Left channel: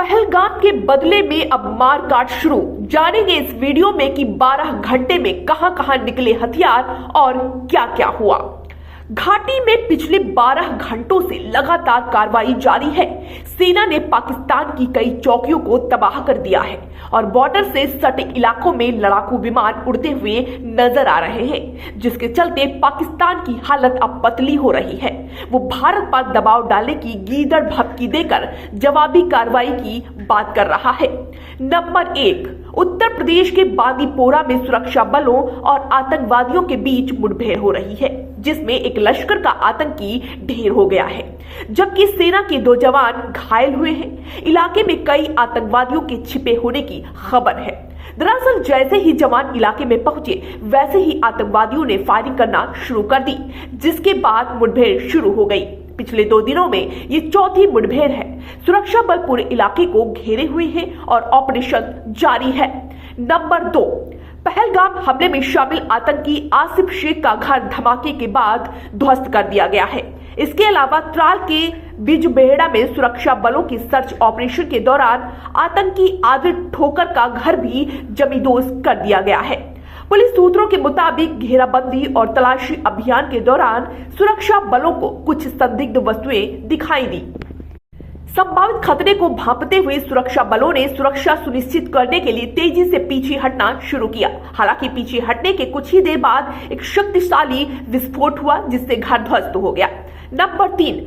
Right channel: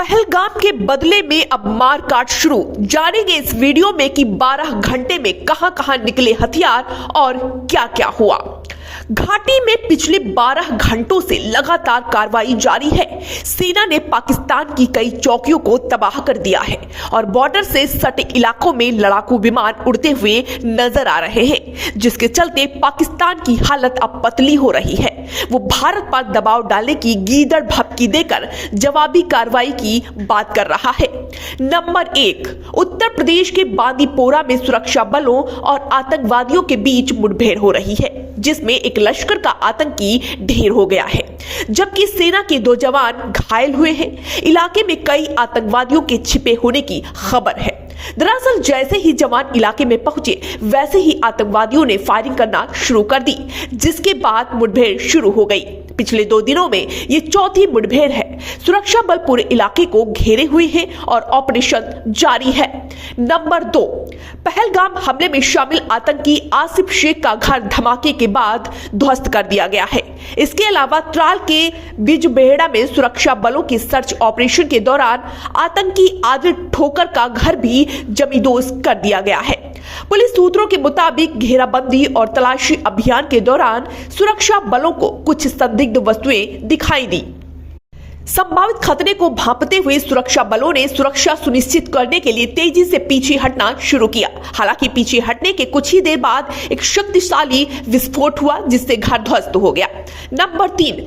पहलगाम के बदले में अब मारकाट शुरू। जानेंगे इस वीडियो में कि 12 घंटे में कहां-कहां निकले हथियार और क्या-क्या हुआ। घाटी में पिछले 12 घंटों से लगातार कार्रवाई जारी है। सेना ने पाकिस्तान की कई चौकियों को तबाह कर दिया है और बॉर्डर से सटे इलाकों में लड़ाकू विमान उड़ते हुए नजर आ रहे हैं, जिसके चलते पाकिस्तान की हालत अब पतली हो रही है। वो भारत पर दबाव डालने की गीदड़ भभकी देकर जवाबी कार्रवाई की बात कर रहा है। नंबर 1, उत्तर प्रदेश के बांदीपोरा में सुरक्षा बलों और आतंकवादियों के बीच मुठभेड़ हो रही है, जिसमें एक लश्कर का आतंकी ढेर हो गया है, जबकि सेना के 2 जवान घायल हुए हैं। इलाके में कई आतंकवादियों के छिपे होने की खबर है। दरअसल जैसे ही जवान इलाके में पहुंचे, वैसे ही आतंकवादियों ने फायरिंग करना शुरू कर दी, जिसके बाद मुठभेड़ शुरू हो गई। पिछले 2 दिनों में ये चौथी मुठभेड़ है। सुरक्षा बल पूरे इलाके को घेरे हुए हैं और ऑपरेशन जारी है। नंबर 2, पहलगाम हमले में शामिल आतंकी आसिफ शेख का घर धमाके के बाद ध्वस्त कर दिया गया है। इसके अलावा त्राल के बिजबेहड़ा में सुरक्षा बलों के सर्च ऑपरेशन के दौरान आतंकी आदिल ठोकर का घर भी जमींदोज कर दिया गया है। पुलिस सूत्रों के मुताबिक घेराबंदी और तलाशी अभियान के दौरान सुरक्षा बलों को कुछ संदिग्ध वस्तुएं दिखाई दी। संभावित खतरे को भांपते हुए सुरक्षा बलों ने सुरक्षा सुनिश्चित करने के लिए तेजी से पीछे हटना शुरू किया। हालांकि पीछे हटने के कुछ ही देर बाद एक शक्तिशाली विस्फोट हुआ, जिससे घर ध्वस्त हो गया। नंबर 3,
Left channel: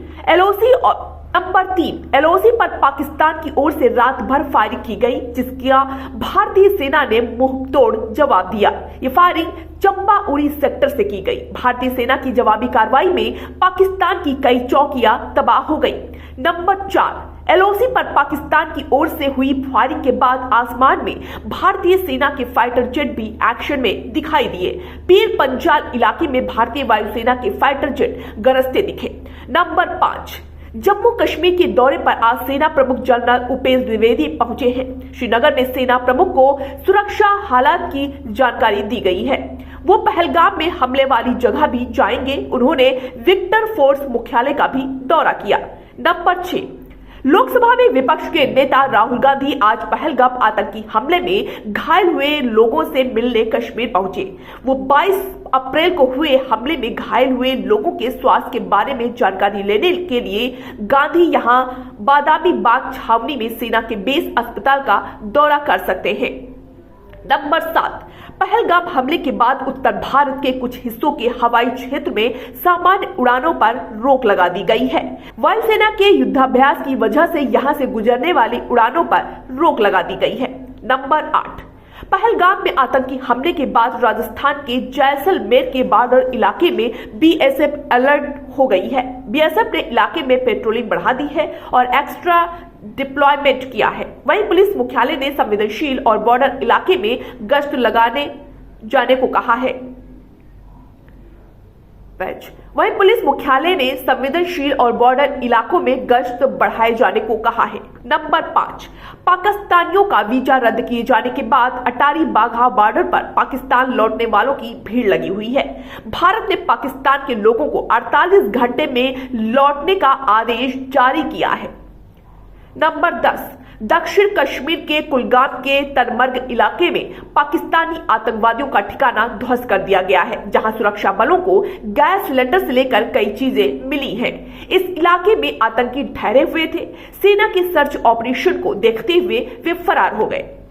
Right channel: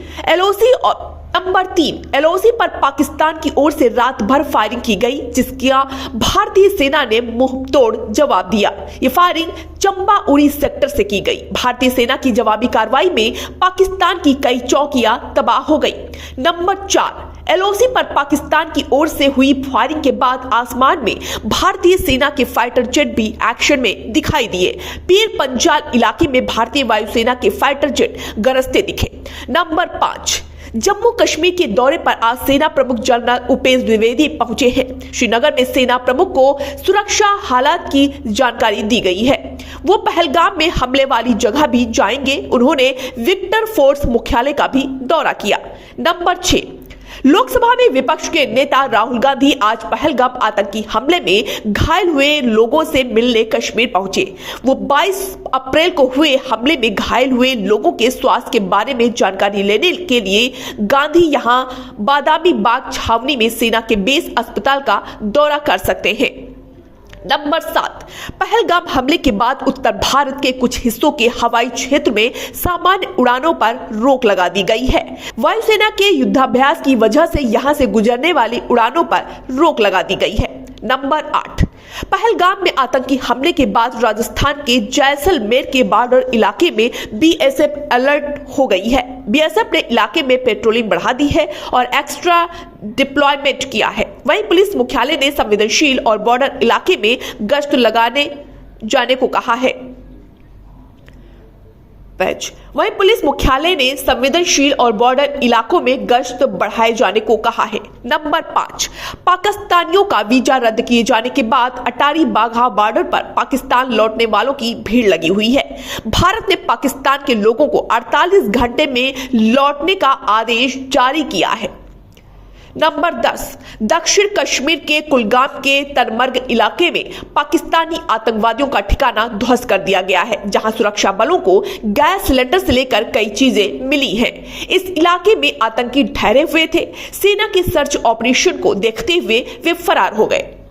एलओसी पर पाकिस्तान की ओर से रात भर फायरिंग की गई, जिसका भारतीय सेना ने मुंहतोड़ जवाब दिया। ये फायरिंग चंबा उड़ी सेक्टर से की गई। भारतीय सेना की जवाबी कार्रवाई में पाकिस्तान की कई चौकियां तबाह हो गई। नंबर 4, एलओसी पर पाकिस्तान की ओर से हुई फायरिंग के बाद आसमान में भारतीय सेना के फाइटर जेट भी एक्शन में दिखाई दिए। पीर पंजाल इलाके में भारतीय वायुसेना के फाइटर जेट गरजते दिखे। नंबर 5, जम्मू कश्मीर के दौरे पर आज सेना प्रमुख जनरल उपेंद्र द्विवेदी पहुंचे हैं। श्रीनगर में सेना प्रमुख को सुरक्षा हालात की जानकारी दी गई है। वो पहलगाम में हमले वाली जगह भी जाएंगे। उन्होंने विक्टर फोर्स मुख्यालय का भी दौरा किया। नंबर 6, लोकसभा में विपक्ष के नेता राहुल गांधी आज पहलगाम आतंकी हमले में घायल हुए लोगों से मिलने कश्मीर पहुंचे। वो 22 अप्रैल को हुए हमले में घायल हुए लोगों के स्वास्थ्य के बारे में जानकारी लेने के लिए गांधी यहां बादामी बाग छावनी में सेना के बेस अस्पताल का दौरा कर सकते हैं। नंबर 7, पहलगाम हमले के बाद उत्तर भारत के कुछ हिस्सों के हवाई क्षेत्र में सामान्य उड़ानों पर रोक लगा दी गई है। वायुसेना के युद्धाभ्यास की वजह से यहां से गुजरने वाली उड़ानों पर रोक लगा दी गई है। नंबर 8, पहलगाम में आतंकी हमले के बाद राजस्थान के जैसलमेर के बॉर्डर इलाके में बीएसएफ अलर्ट हो गई है। बीएसएफ ने इलाके में पेट्रोलिंग बढ़ा दी है और एक्स्ट्रा डिप्लॉयमेंट किया है। वहीं पुलिस मुख्यालय ने संवेदनशील और बॉर्डर इलाके में गश्त लगाने जाने को कहा है। वहीं पुलिस मुख्यालय ने संवेदनशील और बॉर्डर इलाकों में गश्त बढ़ाए जाने को कहा है। नंबर 5, पाकिस्तानियों का वीजा रद्द किए जाने के बाद अटारी बाघा बॉर्डर पर पाकिस्तान लौटने वालों की भीड़ लगी हुई है। भारत ने पाकिस्तान के लोगों को 48 घंटे में लौटने का आदेश जारी किया है। नंबर 10, दक्षिण कश्मीर के कुलगाम के तरमर्ग इलाके में पाकिस्तानी आतंकवादियों का ठिकाना ध्वस्त कर दिया गया है, जहां सुरक्षा बलों को गैस सिलेंडर से लेकर कई चीजें मिली हैं। इस इलाके में आतंकी ठहरे हुए थे। सेना के सर्च ऑपरेशन को देखते हुए वे फरार हो गए।